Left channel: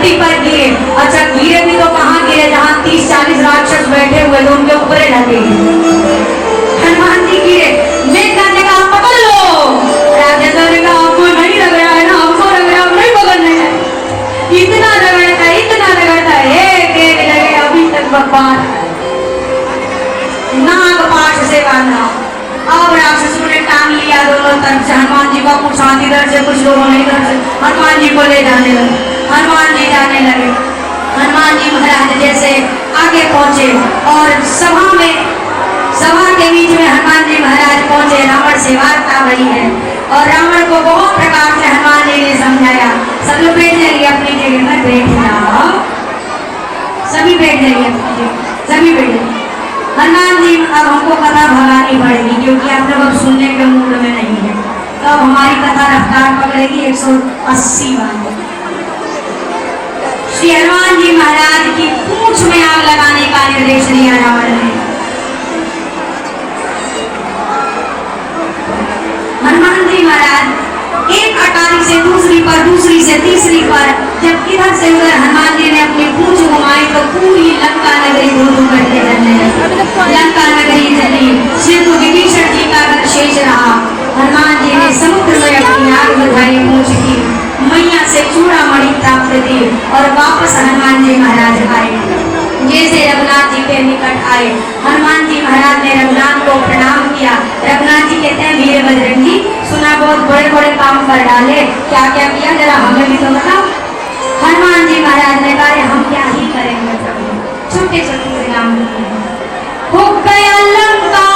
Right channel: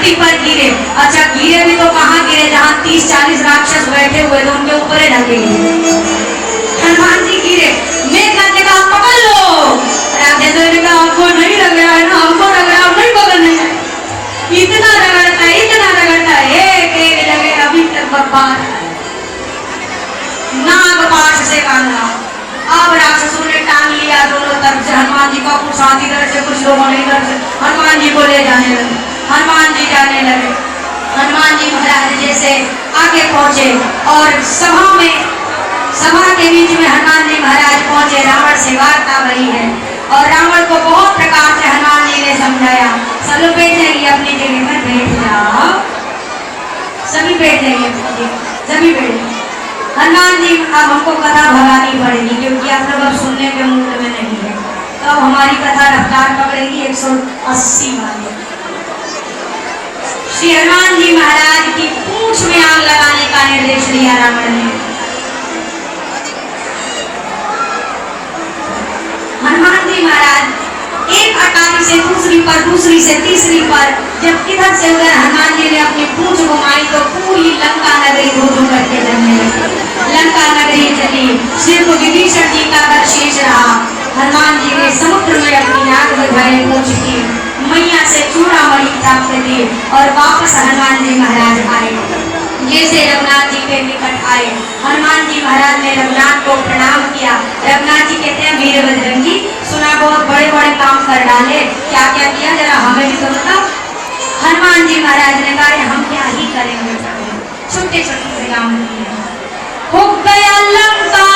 धरती पर गिरे। अच्छा गिरे भी तो कहाँ गिरे, जहाँ 30-40 राक्षस बैठे हुए थे उनके ऊपर लगे। हनुमान जी गिरे, मेघनाथ ने कहा पकड़ लो। राक्षसों ने कहा हमको नहीं लग रहा है ना, हमको लग रहा है हम नहीं पकड़ने हैं। इतना रगड़ता है एक लगे अभी तक बब्बार नाग पाश से बांधा। अब राक्षसों ने टांग लिया दोनों तरफ से हनुमान जी का, कुछ शांति इधर से कुछ लोगों ने इधर से हनुमान जी को ले जाने लगे। हनुमान जी जाने लगे। हनुमान जी महाराज जैसे आगे पहुंचे और सभा के बीच में हनुमान जी महाराज पहुंचे। रावण से वार्ता हुई है और रावण को बहुत प्रकार से हनुमान जी ने समझाया। सब लोग बैठ जाइए अपनी जगह पर, बैठ जाओ, सभी बैठ जाइए अपनी जगह, सभी बैठ जाइए। हनुमान जी अब हमको कथा भगानी पड़ेगी क्योंकि आप लोग अब सुनने के मूड में नहीं है, तो अब हमारी कथा रफ्तार पकड़ेगी 180 वाली। श्री हनुमान जी महाराज की पूंछ में आग लगाने का निर्देश दिया रावण ने। हनुमान जी महाराज एक अटारी से दूसरी पर, दूसरी से तीसरी पर, जब इधर से उधर हनुमान जी ने अपनी पूंछ घुमाई तो पूरी लंका नगरी धूम करके जलने लगी। लंका नगरी जली। श्री विभीषण जी का घर शेष रहा। हनुमान जी ने समुद्र में अपनी आग बुझाई, पूंछ की मैया से चूड़ामणि प्राप्त थी और वापस हनुमान जी महाराज आए। जैसे रघुनाथ जी के निकट आए, हनुमान जी महाराज ने रघुनाथ को प्रणाम किया। रघुनाथ जी कहते हैं वीर बजरंगी, सुना बहुत बड़े बड़े काम कर डाले, क्या क्या किया जरा हमें भी तो बताओ। हनुमान जी महाराज ने कहा हम क्या ही करेंगे, छोटे छोटे से काम हो गया लंका।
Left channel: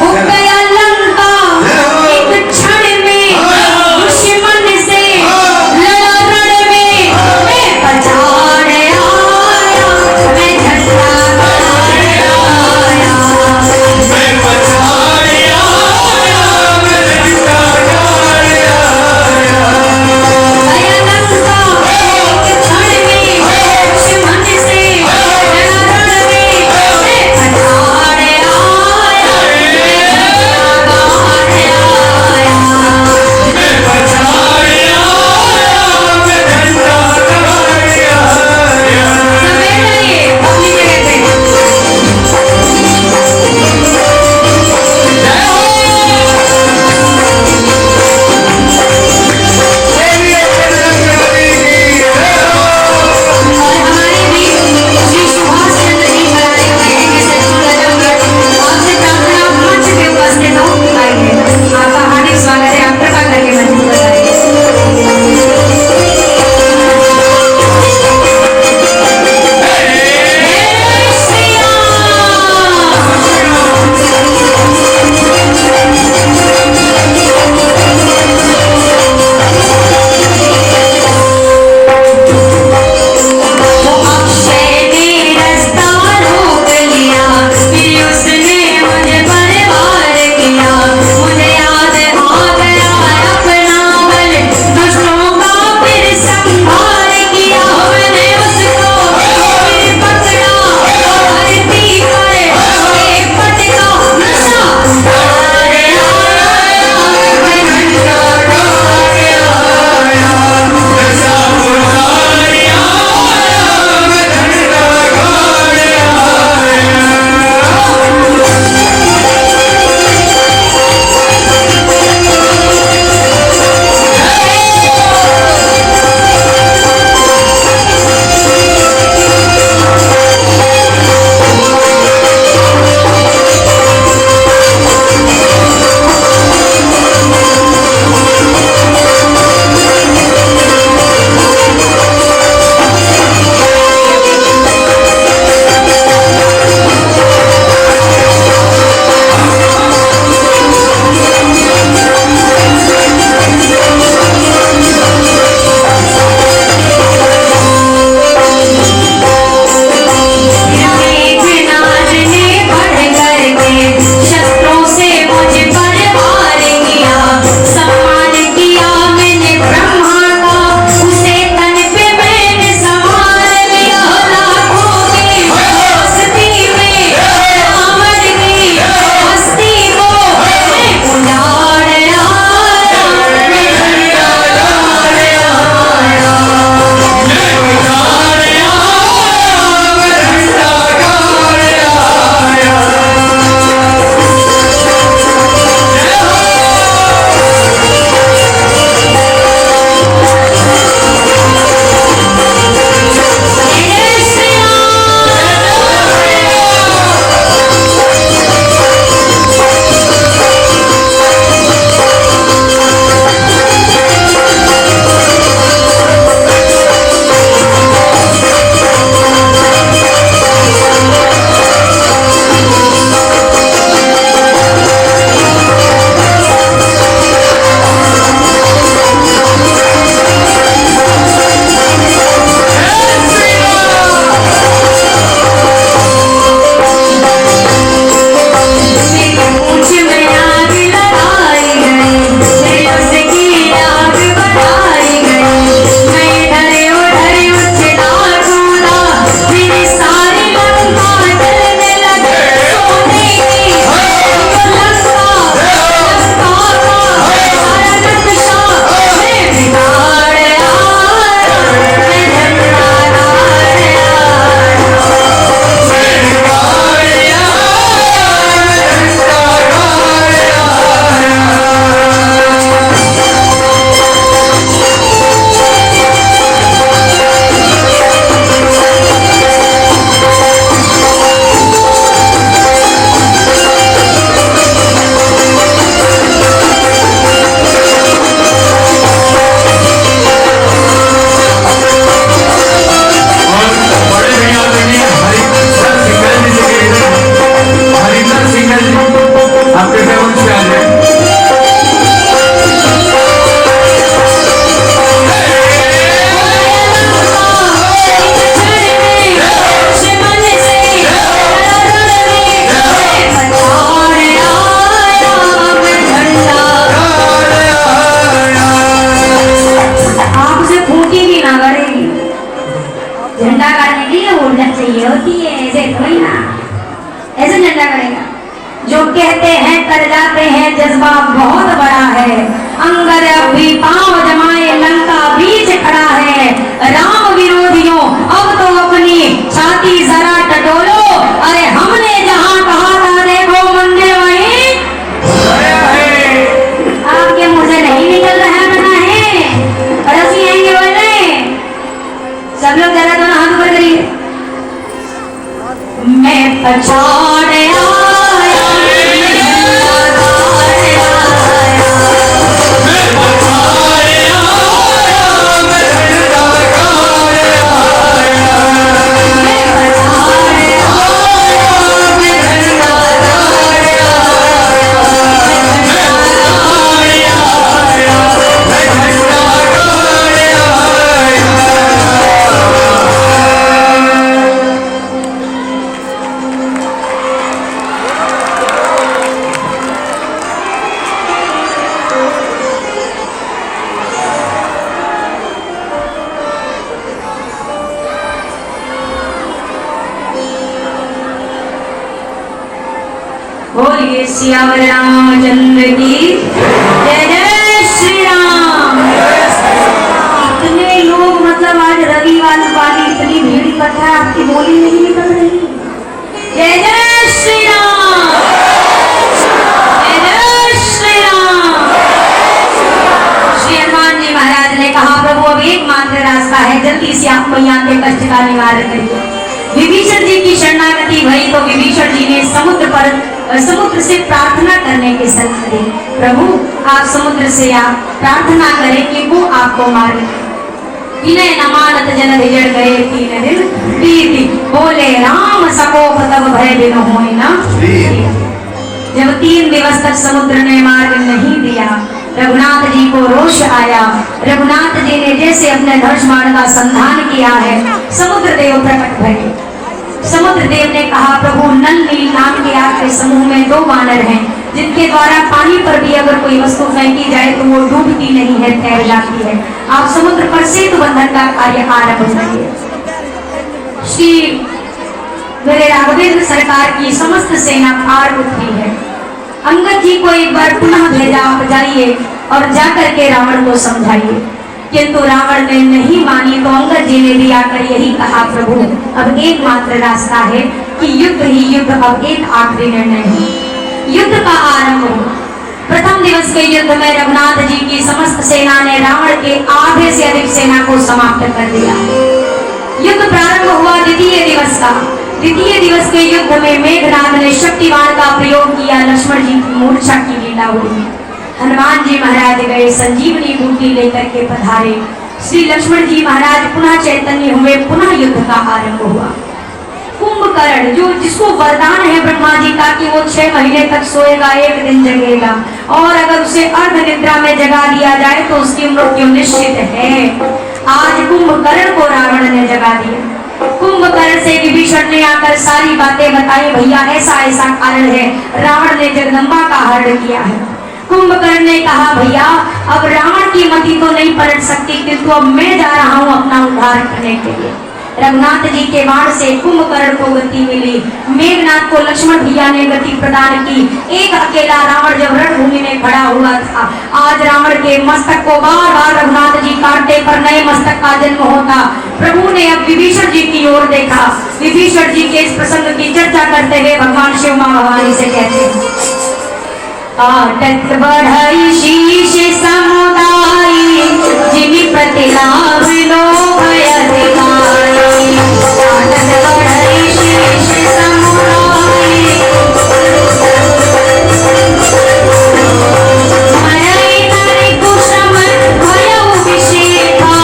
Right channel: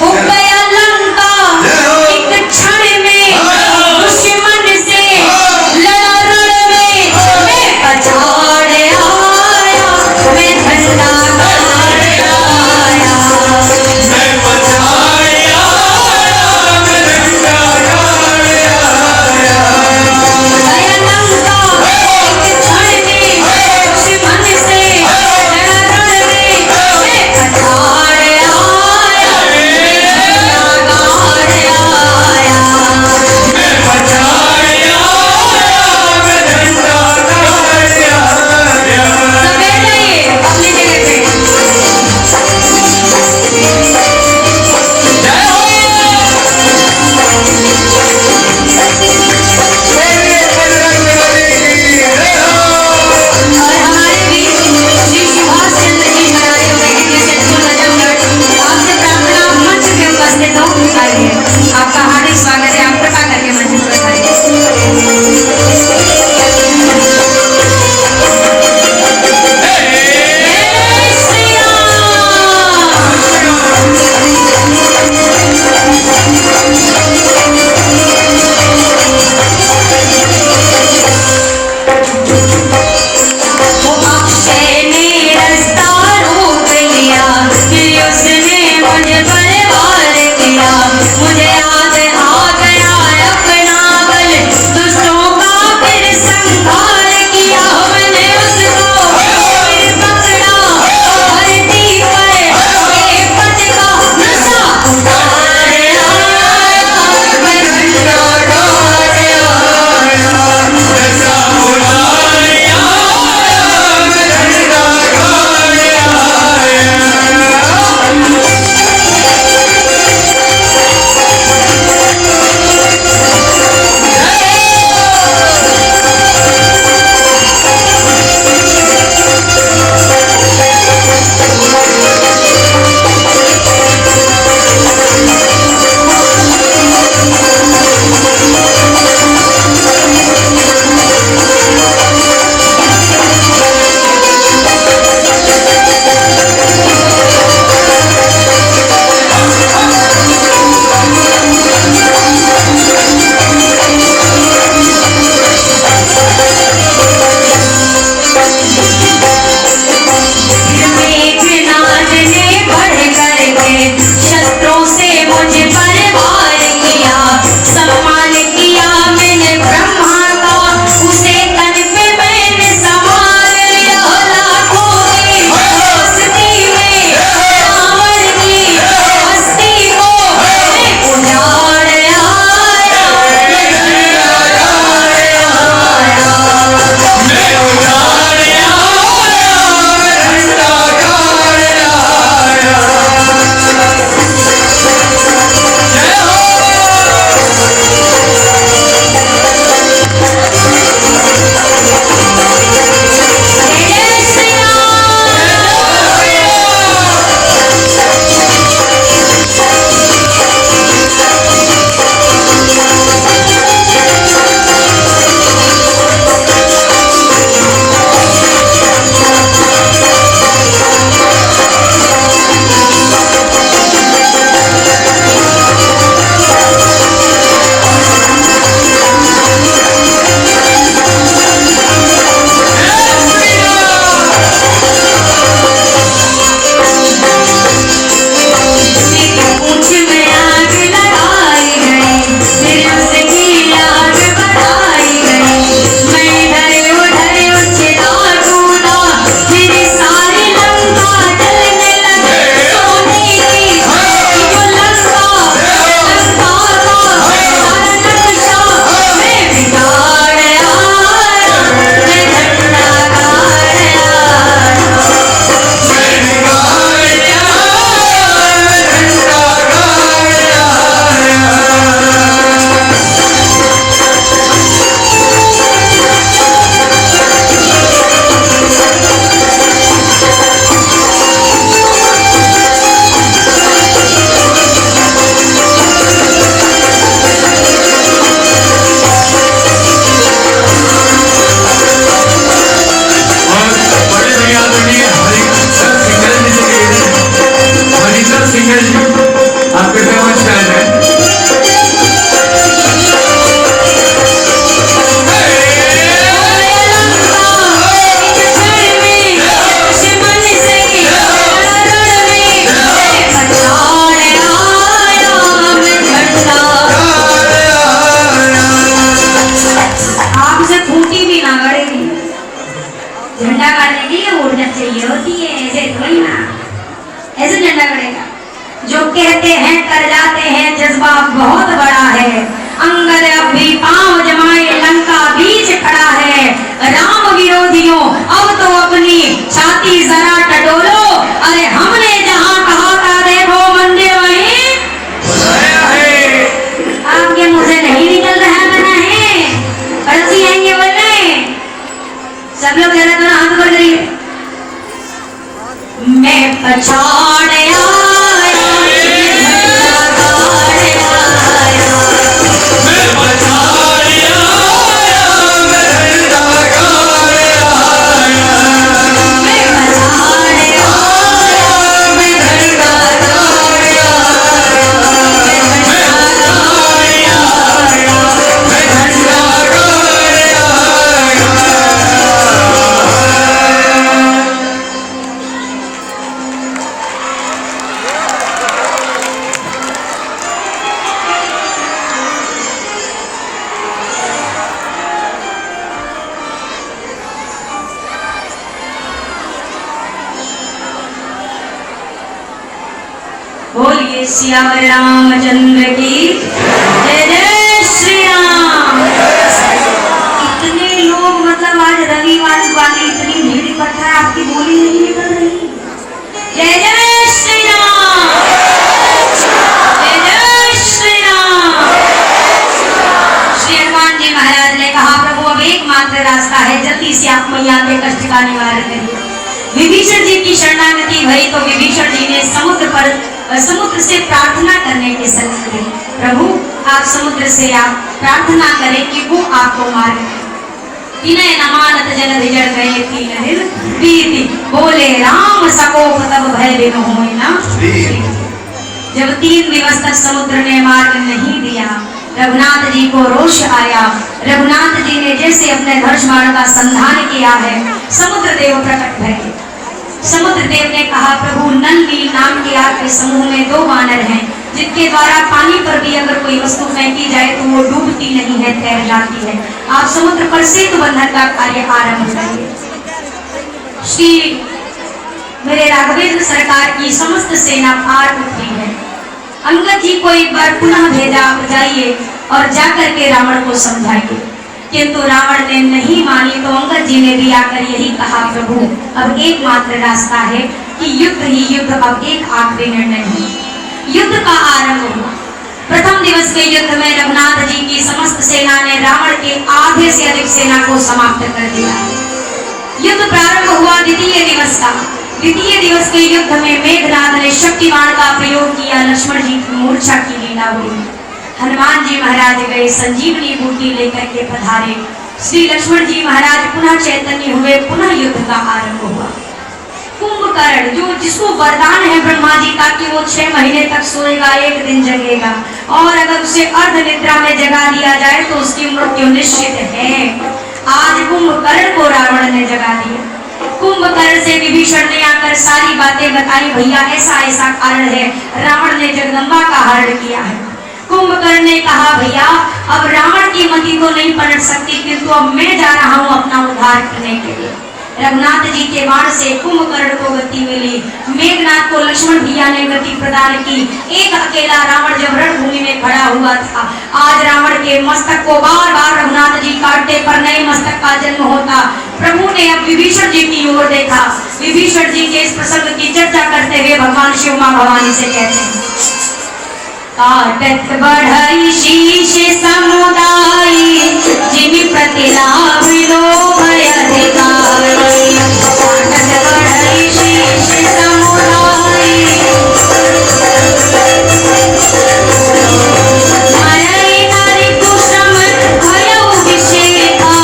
हो गया लंका एक क्षण में, दुश्मन से लड़ा रण में, मैं बचाने आया, मैं झंडा गाड़ने आया, मैं बचाने आया, सियावर रामचंद्र की जय जय श्री राम। इतने लोग मतलब आज रविवार वाली इतनी भीड़ इकट्ठा है, आपकी बोली नहीं निकल रही। जय जय श्री राम, जय जय श्री राम। श्री हनुमान जी महाराज ने कहा प्रभु अब एकमात्र रास्ता है, जल्दी से आप मैया के कष्ट का निवारण करिए। विभीषण जी की शरणागति भई तो विभीषण जी ने समुद्र से प्रार्थना करने की सलाह दी। प्रभु आप समुद्र से आप प्रार्थना करें कि वो आपको मारे। विनय नमानत जल विजड़ गए तीन प्रीति बोले राम सकोप तब भय दिन होई ना। जब 3 दिवस तक समुद्र ने मार्ग नहीं दिया, रघुनाथ जी को रोष आया। रघुनाथ जी ने जैसे अपने धनुष बाण का संधान किया है, समुद्र देव प्रकट भये। समुद्र देव ने कहा प्रभु नल नील नाम के आपके समूह में 2 वानर हैं, जिनके द्वारा पानी पर भी अगर कोई वस्तु फेंकी जाए तो वो डूबती नहीं है, तैर जाती है। आप समुद्र पर सेतु बंधन का कार्य आरंभ करिए। श्री मेरे राघवेंद्र सरकार की समस्त सेना पार उतरी है। अंगद जी को एक बार पुनः भेजा, आप जाइए और जाकर के रावण को समझाइए। किंतु रावण ने नहीं मानी तो अंगद जी ने भी आकर यही कहा प्रभु अब एकमात्र रास्ता है कि युद्ध ही युद्ध, अब एक आखिरी निर्णय है। युद्ध का आरंभ हुआ। प्रथम दिवस के युद्ध में रघुनाथ जी की समस्त सेना ने रावण के आधे से अधिक सेना को समाप्त कर दिया। युद्ध प्रारंभ हुआ द्वितीय दिवस का। द्वितीय दिवस के युद्ध में मेघनाद ने शक्तिवान का प्रयोग किया। लक्ष्मण जी की मूर्छा की लीला हुई। हनुमान जी महाराज गए, संजीवनी बूटी लेकर के पधारे। श्री लक्ष्मण जी महाराज पुनः चैतन्य हुए, पुनः युद्ध का आरंभ हुआ। कुंभकर्ण जो जिसको वरदान है ब्रह्मा जी का कि वो 6 महीने तक सोएगा, 1 दिन जगेगा, और अगर उसे अर्ध निद्रा में जगा दिया जाए तो उसकी मृत्यु निश्चित है। आज कुंभकर्ण को रावण ने जगा दिया। कुंभकर्ण से विभीषण ने आकर सारी बातें बताई, भैया ऐसा ऐसा कारण है, रावण ने जगदम्बा का हरण किया है। कुंभकर्ण ने कहा भैया अब रावण की मति तो नहीं पलट सकती, किंतु अब मैं जा रहा हूँ अपना उद्धार करने के लिए। रघुनाथ जी के बाण से कुंभकर्ण को गति मिली। मेघनाथ को लक्ष्मण भैया ने गति प्रदान की। एक अकेला रावण जब रणभूमि में खड़ा हुआ था, आज रावण के मस्तक को बार बार रघुनाथ जी काटते पर नए मस्तक का जन्म होता। प्रभु ने अब विभीषण जी की ओर देखा। विभीषण जी के इस प्रसंग की चर्चा करते हुए भगवान शिव मां भवानी से कहते हैं काटत बढ़ई शीश समुदाय जिन प्रतिलाभ लोभ अधिकारी। काटत बढ़ई शीश समुदाय मरई नरि कुसुम भयो विषेका।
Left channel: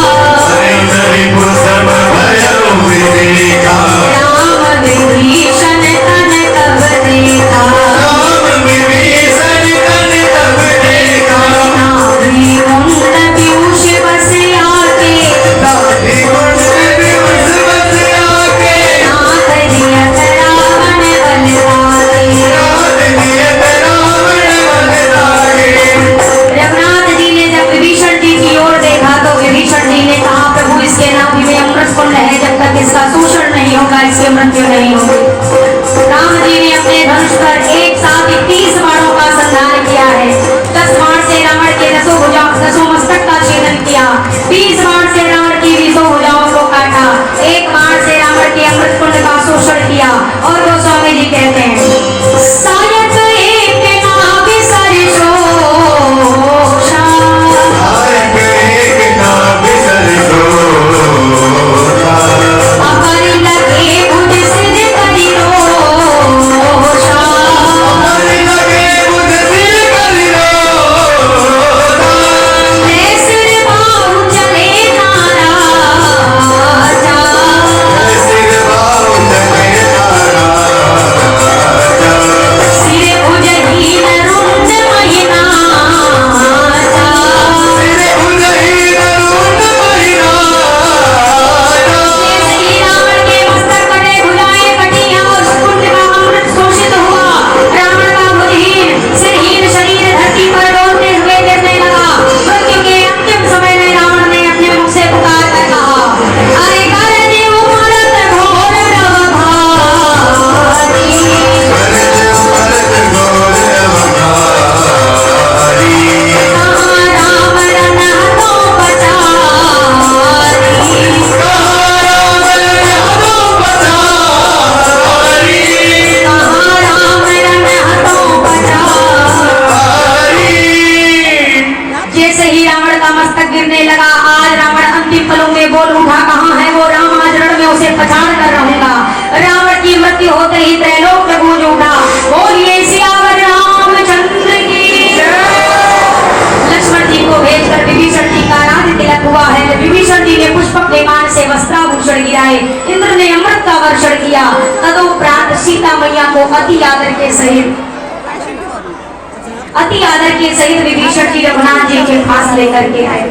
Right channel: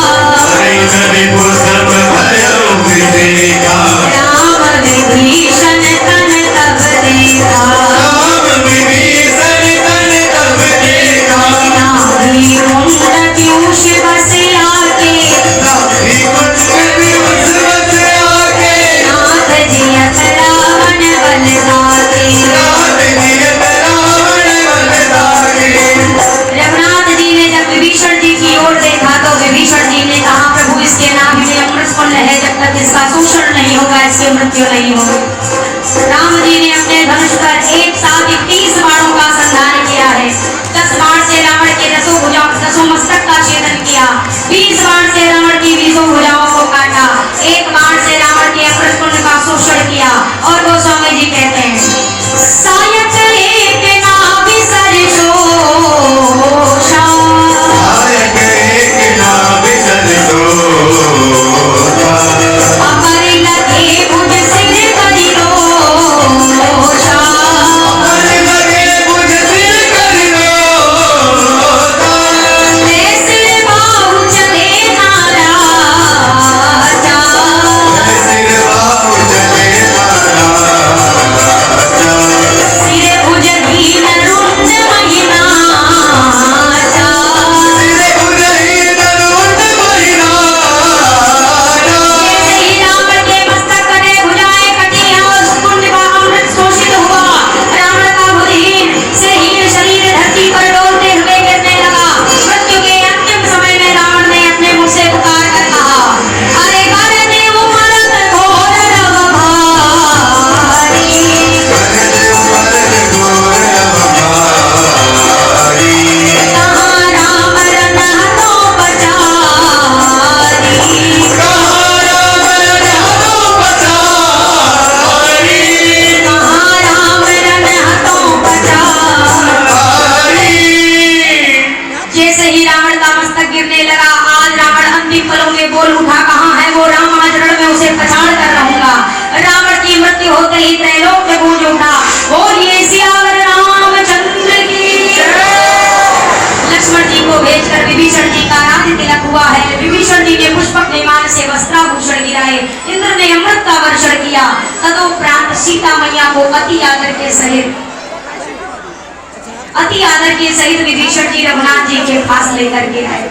राम विभीषण तन तब देखा। मृत्यु नहीं होगी। राम जी ने अपने धनुष पर एक साथ 30 बाणों का संधान किया है। 10 बाण से रावण के 10 मस्तक का छेदन किया। 20 बाण से रावण की 20 भुजाओं को काटा। 1 बाण से रावण के अग्रकुंड का शोषण किया। और वो स्वामी जी कहते हैं सायक एक नाभि सरिसो जानकी सहित विभीषण जी रघुनाथ जी के पास लेकर के आए।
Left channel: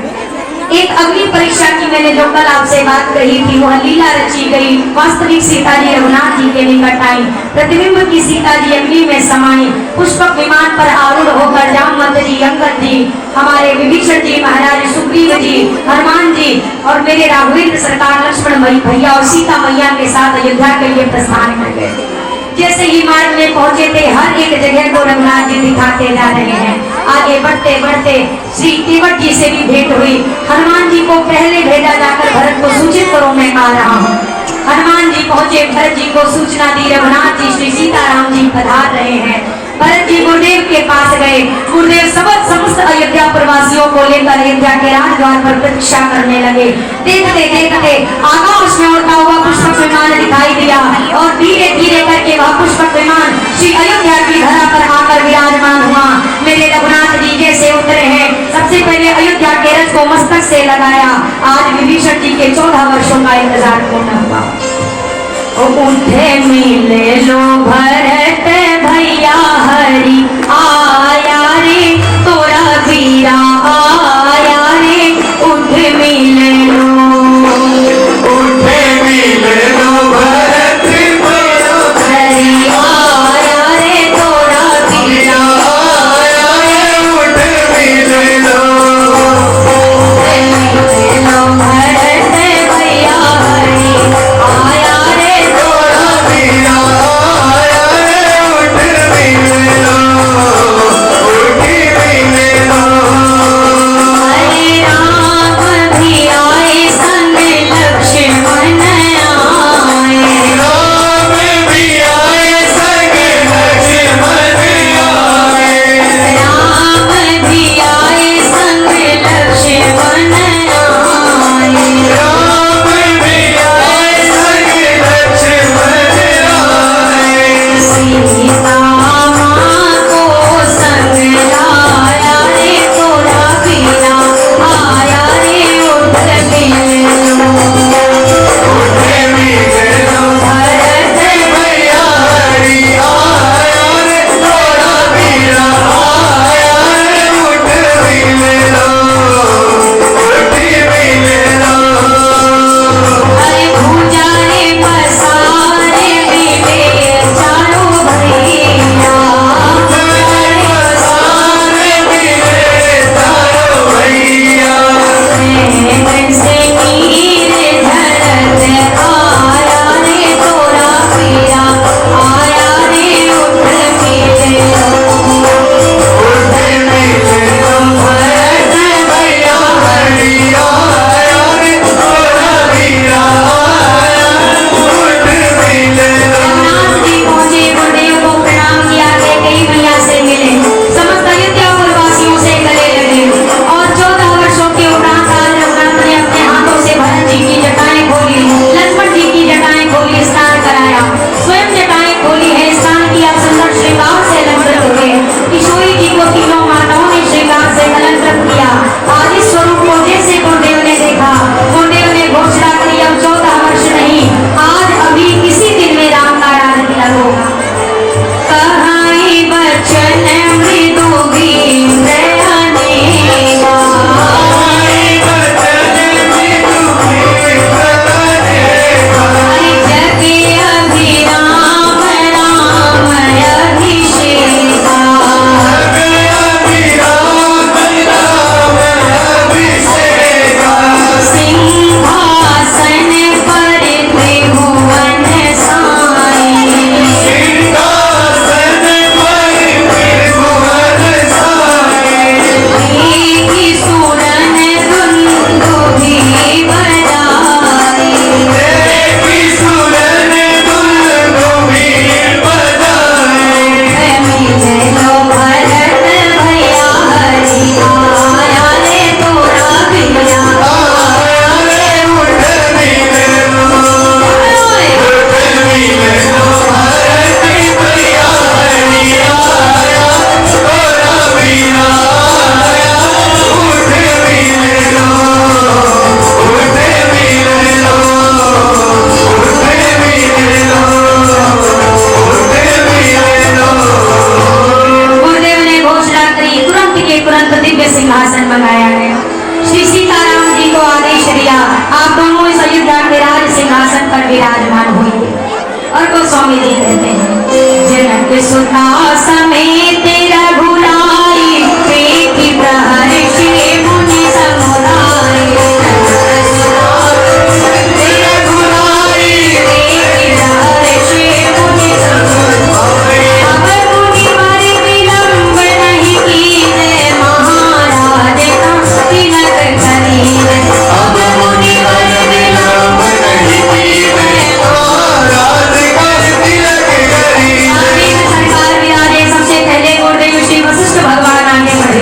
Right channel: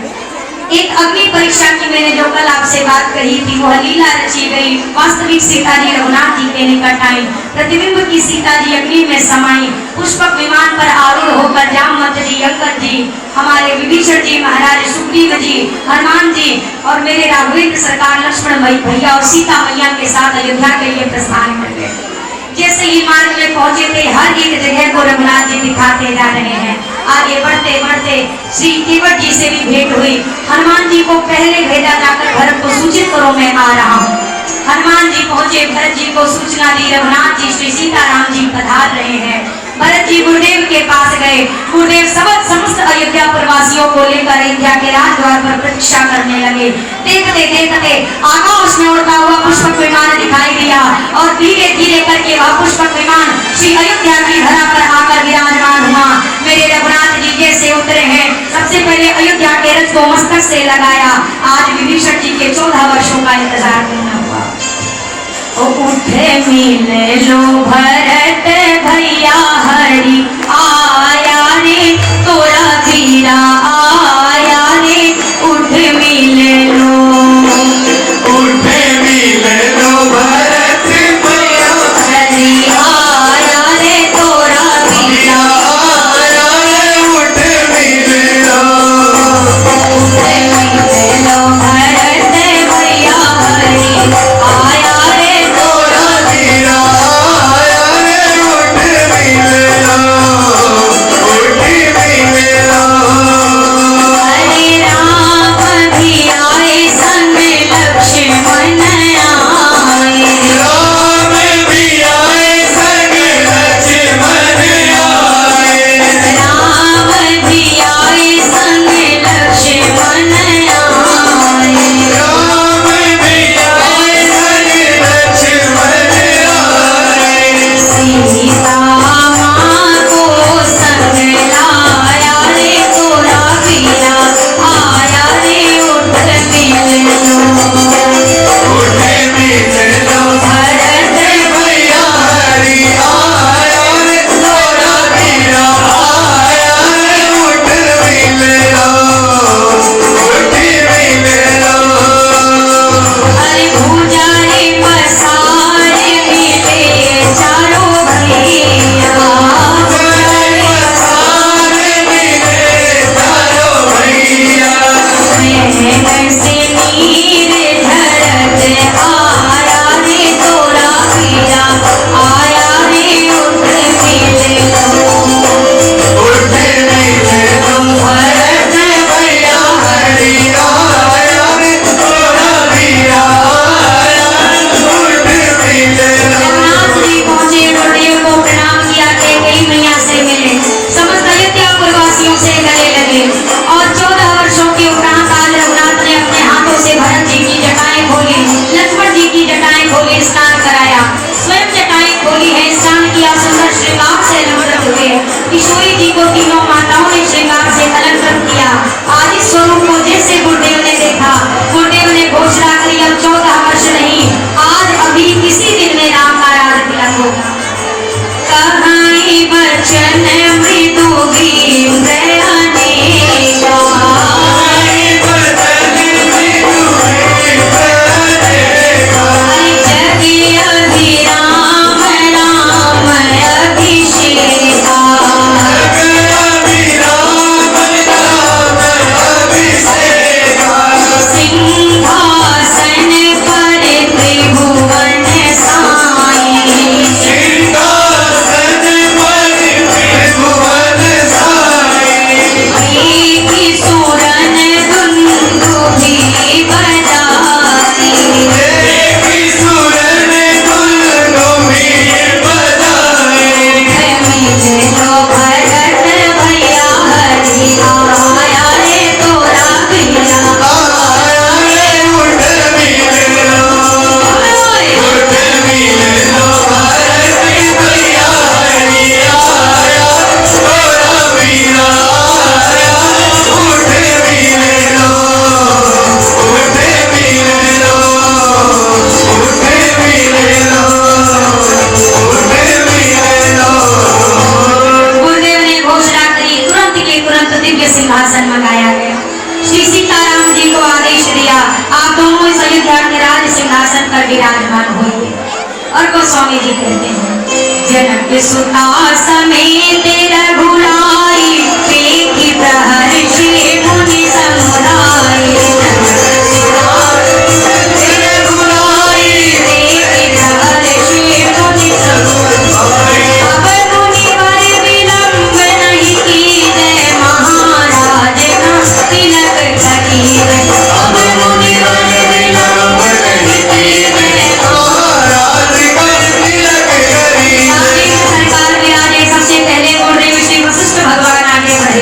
एक अग्नि परीक्षा की मैंने जो कल आपसे बात कही थी, वह लीला रची गई। वास्तविक सीता जी रघुनाथ जी के निकट आई, प्रतिबिंब की सीता जी अग्नि में समाई। पुष्पक विमान पर आरूढ़ होकर जामवंत जी, अंगद जी, हमारे विभीषण जी महाराज, सुग्रीव जी, हनुमान जी और मेरे राघवेंद्र सरकार, लक्ष्मण भैया और सीता मैया के साथ अयोध्या के लिए प्रस्थान कर गए। जैसे ही मार्ग में पहुंचे थे, हर एक जगह को रघुनाथ जी दिखाते जा रहे हैं। आगे बढ़ते बढ़ते श्री तिवट जी से भी भेंट हुई। हनुमान जी को पहले भेजा जाकर भरत को सूचित करो मैं आ रहा हूँ। हनुमान जी पहुंचे, भरत जी को सूचना दी रघुनाथ जी श्री सीताराम जी पधार रहे हैं। भरत जी गुरुदेव के पास गए। गुरुदेव समस्त अयोध्या प्रवासियों को लेकर अयोध्या के राजद्वार पर प्रतीक्षा करने लगे। देखते देखते आकाश में उड़ता हुआ पुष्पक विमान दिखाई दिया और धीरे धीरे करके वह पुष्पक विमान श्री अयोध्या की धरा पर आकर विराजमान हुआ। मेरे रघुनाथ जी जैसे उतरे हैं, सबसे पहले अयोध्या के रथ को मस्तक से लगाया। आज विभीषण जी के 14 वर्षों का इंतजार पूर्ण हुआ। उठे मिले लो भरत भैया, हरि आया रे तोरा वीरा आया रे। उठ मिले लो, उठे मिले लो भरत भैया, हरि आया रे तोरा वीरा आया रे। उठ मिले लो, उठ मिले लो भरत भैया, हरि आया रे तोरा वीरा आया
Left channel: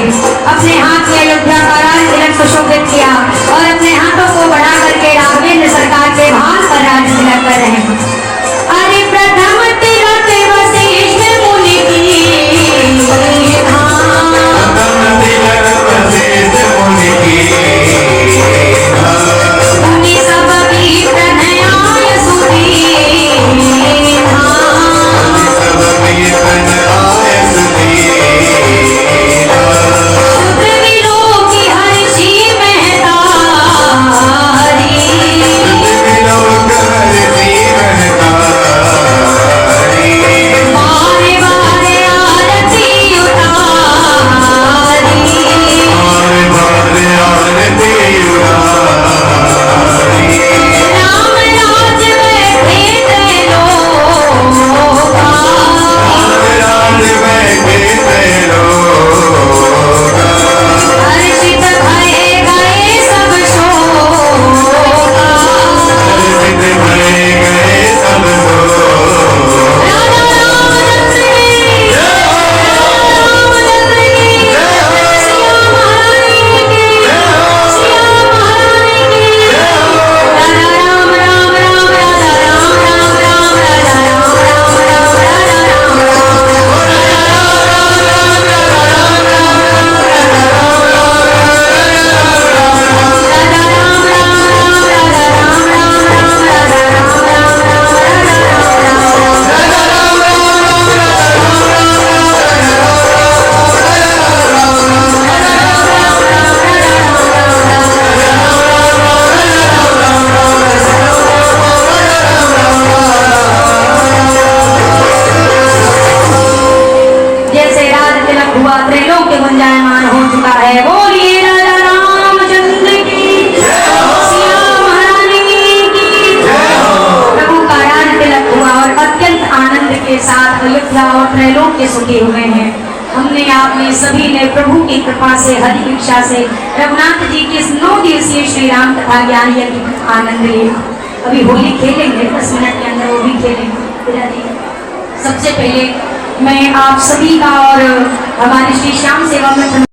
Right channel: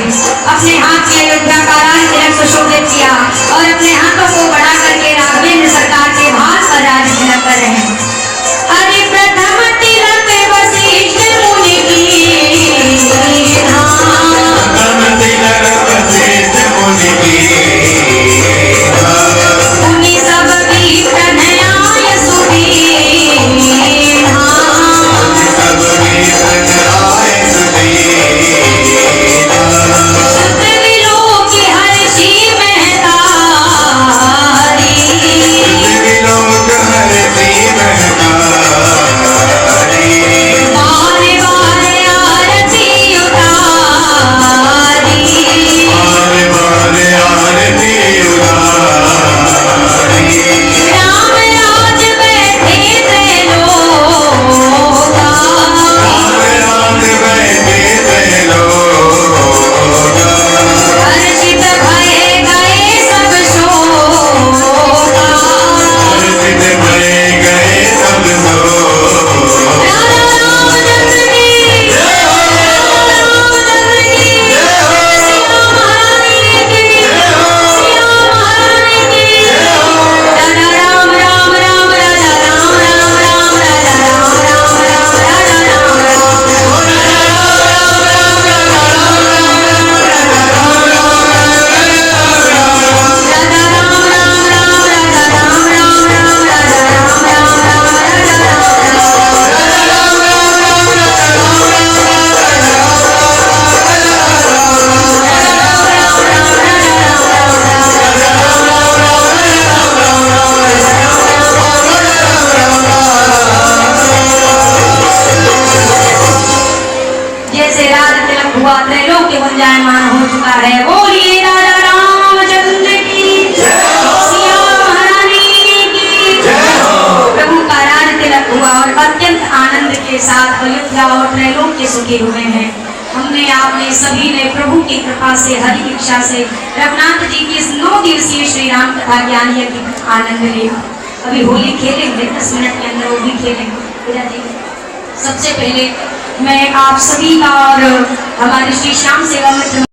अपने हाथ में अयोध्या का राज तिलक सुशोभित किया और अपने हाथों को बढ़ा करके राघवेंद्र सरकार के भाग का राज तिलक कर रहे हैं। अरे प्रथम तिलक वशिष्ठ मुनि की सब की प्रणयाय सुदीन सुखी हुए हैं। हमने आपने सभी ने प्रभु की कृपा से हरि इच्छा से रघुनाथ जी की इस 9 दिवसीय श्री राम कथा ज्ञान यज्ञ का आनंद लिया। अभी होली खेलेंगे 10 मिनट के अंदर, वो भी खेलेंगे। सबसे पहले मैं आप सभी का और हमारे श्री श्याम सेवा में